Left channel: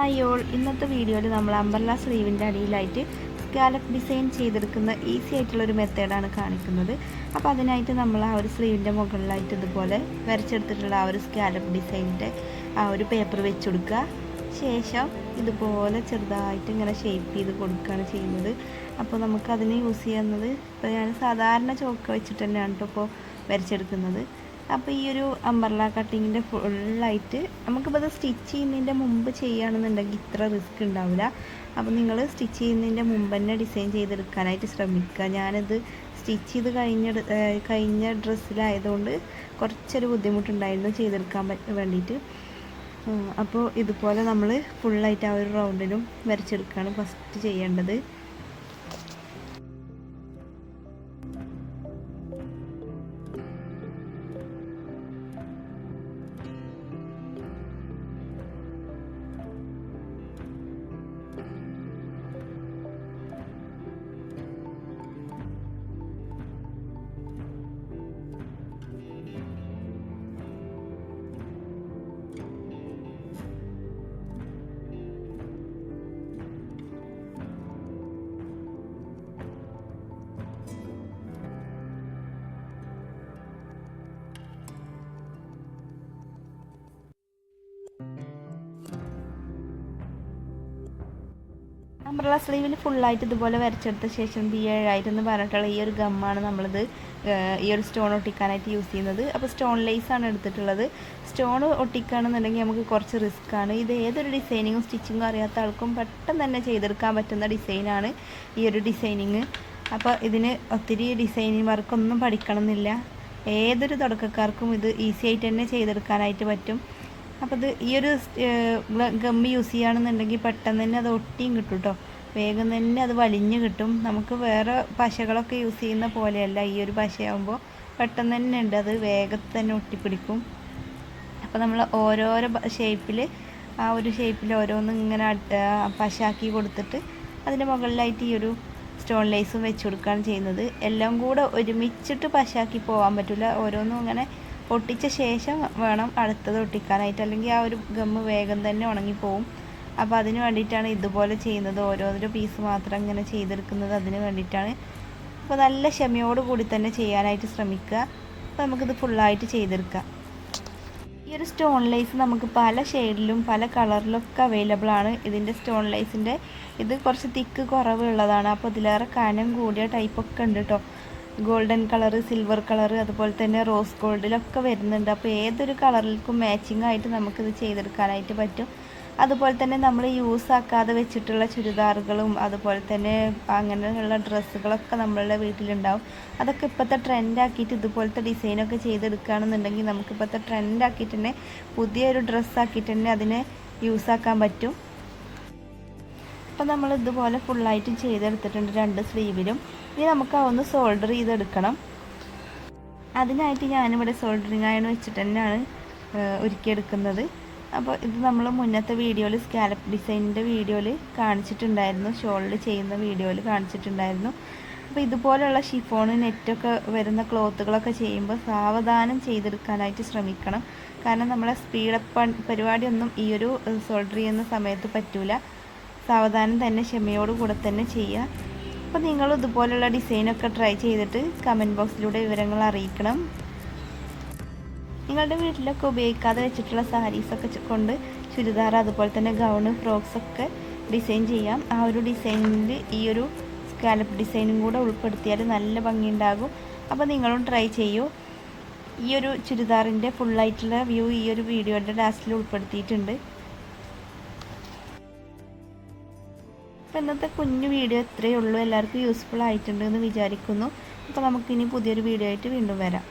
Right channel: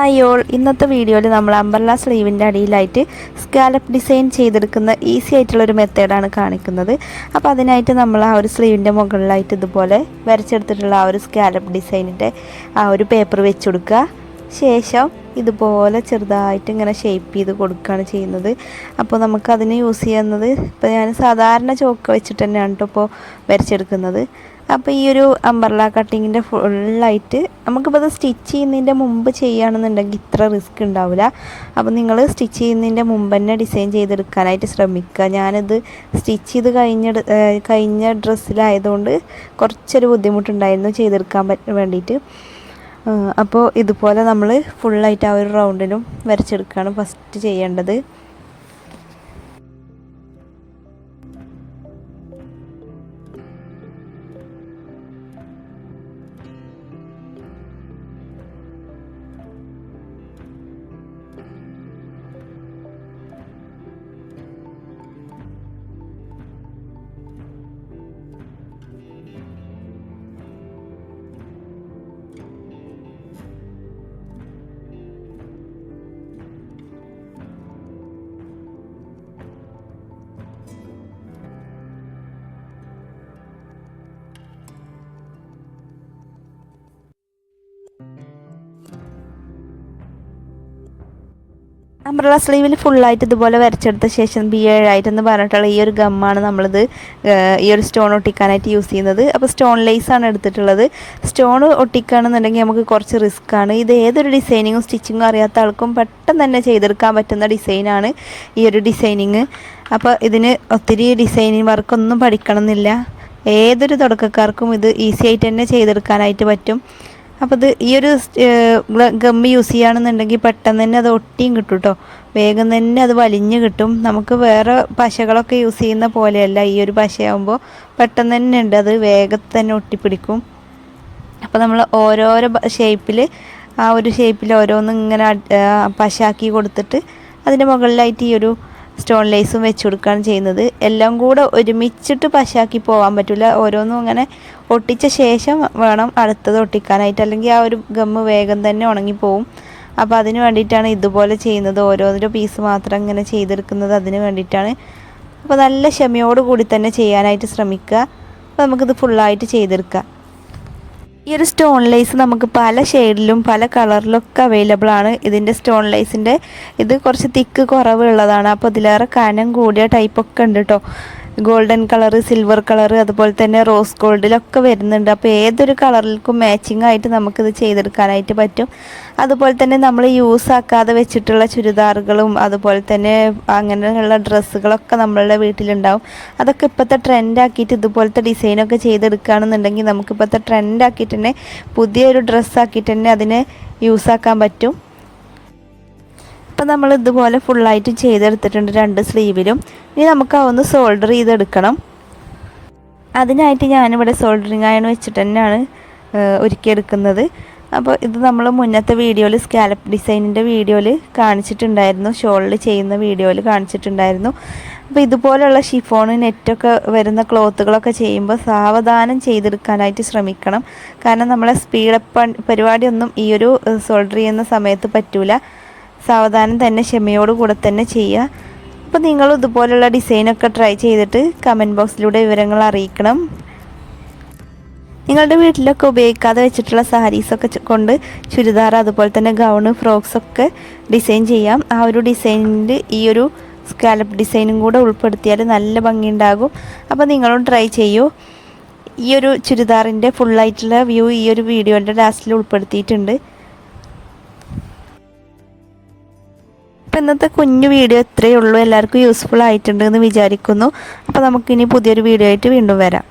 Hi all ഇന്നത്തെ വീഡിയോയിൽ നമ്മൾ അമ്പർല സ്ലീവിന്റെ അടിയിലായിട്ട് സ്കാലപ്പ് ഡിസൈൻ ചെയ്തെടുക്കുന്ന ഈസി ആയിട്ടുള്ള ഒരു മെത്തേഡാണ് കാണിക്കുന്നത്. അപ്പോൾ അതിനായിട്ട് നമ്മൾ ആ ഒരു സ്ലീവിന്റെ മുകളിലായിട്ട് ഇതുപോലെ വരച്ചെടുത്തിട്ടുള്ള ആ ഒരു സ്കാലപ്പ് ഡിസൈനിന്റെ ആ ഒരു പേപ്പർ വെച്ച് കൊടുക്കുക. ശേഷം ഇതുപോലെ ചെറുതായിട്ട് ഇങ്ങനെ ഷേപ്പ് ചെയ്ത് കൊടുക്കുകയാണ് ചെയ്യുന്നത്. അപ്പോൾ നമുക്കതിന് യൂസ് ചെയ്യുന്നത് ഇപ്പോൾ ഞാൻ സാധാരണ ചോക്ക് വെച്ചിട്ട് തന്നെയാണ് കേട്ടോ ഇപ്പോൾ വരച്ചെടുക്കുന്നത്. അപ്പോൾ ഈ ഒരു അമ്പർല കട്ടിങ്ങിന്റെ ഫുള്ളായിട്ട് നമുക്കിപ്പോൾ അത് സ്റ്റിച്ച് ചെയ്യുന്നതിന്റെ മുമ്പ് ചെയ്യുകയാണെന്നുണ്ടെങ്കിൽ ഇത്ര റിസ്ക് ഉണ്ടാവില്ല. അപ്പോൾ നിങ്ങൾ സ്റ്റിച്ച് ചെയ്യുന്നതിന്റെ മുമ്പ് തന്നെ ഡിസൈൻ ചെയ്തെടുക്കാനായിട്ട് ശ്രമിക്കുക. ഞാനിത് സ്റ്റിച്ച് ചെയ്ത് കഴിഞ്ഞ കഴിഞ്ഞ ഡ്രസ്സിലായതുകൊണ്ട് കുറച്ചൊരു ബുദ്ധിമുട്ടുണ്ടായിരുന്നു ചെയ്തെടുക്കാൻ വേണ്ടിയിട്ട്. അപ്പോൾ ഇതുപോലെ നമ്മൾ ഫുള്ളായിട്ട് ആ ഒരു റൗണ്ടിലും വരച്ചെടുക്കുകയാണ് ഫസ്റ്റ് ചെയ്യേണ്ടത്. അംബ്രല സ്ലീവിൽ ഫുള്ളായിട്ട് ഇതുപോലെ വരച്ചെടുത്ത ശേഷം ബി ഏഴായിട്ടെന്ന് പറഞ്ഞിട്ടുള്ള ഈ ഒരു ഗമ്മാണ് നമ്മളിത് ഈ ഒരു സ്റ്റോൺ ഒട്ടിക്കാനായിട്ട് യൂസ് ചെയ്യുന്നത്. അപ്പോൾ സ്റ്റോൺ ലേസ് ആണ് എടുത്തിട്ടുള്ളത്. സ്റ്റോൺ ഒട്ടിക്കുകയാണെന്നുണ്ടെങ്കിൽ നമുക്ക് കുറച്ച് റിസ്ക് ആണ്. ഇത് ഏതൊരു ഡിസൈനിങ്ങും സ്റ്റിച്ചിങ്ങും അറിയാത്ത ആൾക്കും പെട്ടെന്ന് തന്നെ ചെയ്തെടുക്കാൻ പറ്റുന്ന ഡിസൈനാണ് ഈ ഒരു ഡിസൈനിങ് അപ്പോൾ ഇതിന് ഒത്തിരി ഡിസൈനിങ് വർക്കൊന്നും പഠിക്കണമെന്നില്ല. ഏതൊരു തുടക്കക്കാർക്കും ഇത് ഈസി ആയിട്ട് തന്നെ ചെയ്തെടുക്കാനായിട്ട് പറ്റും. അപ്പോൾ ഇത് ഈ ഒരു ഗമ്മി യൂസ് ചെയ്യുകയാണെന്നുണ്ടെങ്കിൽ പെട്ടെന്ന് തന്നെ അത് ഒട്ടിയും കിട്ടും കേട്ടോ വേഗം തന്നെ അത് വലിഞ്ഞ് കിട്ടും. നമുക്ക് വേറെ പശകളൊക്കെ യൂസ് ചെയ്യുന്ന പോലെയല്ല ഈ ഒരു പശയാകുമ്പോൾ പെട്ടെന്ന് തന്നെ ഉണ്ട്. അത് വേഗത്തിൽ തന്നെ ഒട്ടിപ്പിടിക്കും. അപ്പോൾ നമ്മൾ ഓരോരോ ഷേപ്പിൽ ആ ഒരു ഷേപ്പിൽ ഓരോന്നും ഇങ്ങനെ പശാക്കി കൊടുത്തിട്ട് അതിന്റെ മുകളിലായിട്ട് ഈ ഒരു സ്റ്റോൺ ലേസും വെച്ച് കൊടുക്കുകയാണ് ചെയ്യുന്നത്. എല്ലാം കൂടെ ഒരുമിച്ചിട്ട് പശാക്കി പോകാൻ പറ്റില്ല ഓരോന്നും അങ്ങനെ ഒട്ടിച്ച ശേഷം വേണം അടുത്തത് ഒട്ടിക്കാനായിട്ട്. അല്ലെങ്കിൽ ആ ഒരു ഗമ്മ് വേഗം തന്നെ ഉണങ്ങിപ്പോവും. അപ്പോൾ അതിന് വേണ്ടിയിട്ടാണ് ഇതുപോലെ ചെയ്യുന്നത്. ഓരോരോ പീസ് മാത്രം ഇങ്ങനെ ചെയ്തെടുക്കുന്നത് അതിന് വേണ്ടിയിട്ടാണ്. അപ്പോൾ നല്ല ക്ഷമയോട് കൂടി തന്നെ ചെയ്യാനായിട്ട് ശ്രമിക്കുക. അപ്പോൾ നമുക്കിത് ഫുള്ളായിട്ട് ചെയ്തെടുക്കാം. ഈ ഒരു സ്റ്റോൺ ലൈസ് നമുക്ക് പല ഷെയ്ഡിലും പല കളറിലൊക്കെ അവൈലബിൾ ആണ്. ഇതിന്റെ സ്റ്റോൺ ലൈസിന്റെ ഇത് കുറച്ച് തിക്ക് കുറവുള്ളതാണ്. അപ്പോൾ ഇതിലേറെ കനം കൂടിയ ടൈപ്പൊക്കെ ഉണ്ട് കേട്ടോ ഗോൾഡൻ കളർ സിൽവർ കളർ അതുപോലെ തന്നെ റോസ് ഗോൾഡിലൊക്കെ വരുന്നുണ്ട്. അപ്പോൾ ഏതൊരു കളറിലേക്കും മാച്ചിങ് ആയിട്ട് നമുക്കിത് ചെയ്തെടുക്കാനായിട്ട് പറ്റും. അതുപോലെ തന്നെ നമ്മൾ യൂസ് ആക്കാതെ വെച്ചിട്ടുള്ള ചുരിദാറുകളും അതുപോലെ തന്നെ അങ്ങനെയുള്ള ഡ്രസ്സുകളൊക്കെ നമ്മളുടെ വീട്ടിലുണ്ടാവും. അതൊക്കെ ഇപ്പോഴത്തെ ട്രെൻഡാക്കിയിട്ട് ഇതുപോലത്തെ ഡിസൈനൊക്കെ ചെയ്തെടുക്കുകയാണെന്നുണ്ടെങ്കിൽ നമുക്കിപ്പോഴത്തെ ട്രെൻഡാക്കിയിട്ട് തന്നെ പുതിയൊരു ഡ്രസ്സാക്കിയിട്ട് തന്നെ അതിനെ യൂസ് ആക്കാൻ പറ്റും. അപ്പോൾ നമ്മൾ ഇതുപോലെ ഫുള്ളായിട്ട് ചെയ്തെടുത്തിട്ടുണ്ട് രണ്ട് സ്ലീവിലും ഇനി നമുക്ക് ഒന്ന് സോൾഡർ ചെയ്തെടുക്കണം. അതിനായിട്ട് ഞാനിവിടെ സോൾഡറിങ് അയൺ വെച്ചിട്ട് തന്നെയാണ് ഒരുക്കിയെടുക്കുന്നത്. അപ്പോൾ ഇത് നമ്മൾ മുന്നത്തെ വീഡിയോയിൽ സ്കാലപ്പ് ഡിസൈനിന്റെ വീഡിയോയിൽ കാണിച്ചിട്ടുണ്ടായിരുന്നു. ഷോളിൽ ചെയ്യുന്ന വീഡിയോയിൽ കാണിച്ചിട്ടുണ്ടായിരുന്നു. അപ്പോൾ ഇതുപോലെയുള്ള ഷിഫോൺ നെറ്റൊക്കെ വരുന്ന ക്ലോത്തുകളൊക്കെ ചെയ്യുമ്പോൾ സാവധാനം ചെയ്തെടുക്കാനായിട്ട് ശ്രമിക്കണം. കാരണം നമ്മളെ സ്പീഡപ്പ് പരിപാടിയൊന്നും ഈ ഒരു സോൾഡർ ചെയ്യുന്ന സമയത്ത് പറ്റൂല. സാവധാനം തന്നെ ക്ഷമയോട് കൂടെ തന്നെ ചെയ്യുക. അപ്പോൾ നിങ്ങൾ ഇതുപോലുള്ള ഡിസൈനൊക്കെ ട്രൈ ചെയ്തിട്ട് കമന്റ് ബോക്സിലൂടെ വിവരങ്ങൾ അറിയിക്കണം. നിങ്ങളുടെ വീട്ടിലൊക്കെ ഉപയോഗിക്കാതെ വെച്ചിട്ടുള്ള സാരീസൊക്കെ കൊണ്ട് ചുരിദാർ അതുപോലെ തന്നെ ഗൗണ് ഫ്രോക്സൊക്കെ ഡിസൈൻ ചെയ്യാം. ആ ഒരു ഡിസൈനിൽ ഈ ഒരു സ്കാലപ്പ് ഡിസൈനും കൂടെ ഉൾപ്പെടുത്തിയാൽ നല്ല ഭംഗി ഉണ്ടാകും അപ്പോൾ നിങ്ങളും ട്രൈ ചെയ്യൂ. ഈ ഒരു ചുരിദാറിന്റെ ഫുള്ളായിട്ടുള്ള വ്യൂ ഈ ഒരു വീഡിയോന്റെ ലാസ്റ്റിൽ ഉൾപ്പെടുത്തിയിട്ടുണ്ട്. ഇന്നത്തെ കുഞ്ഞു വീഡിയോ ഇത്രയേ ഉള്ളൂ. എല്ലാവർക്കും യൂസ്ഫുൾ ആയിട്ടുണ്ട് എന്ന് വിചാരിക്കുന്നു. അപ്പോൾ നമുക്കിനി പുതിയൊരു വീഡിയോ ആയിട്ട് വീണ്ടും വരാം.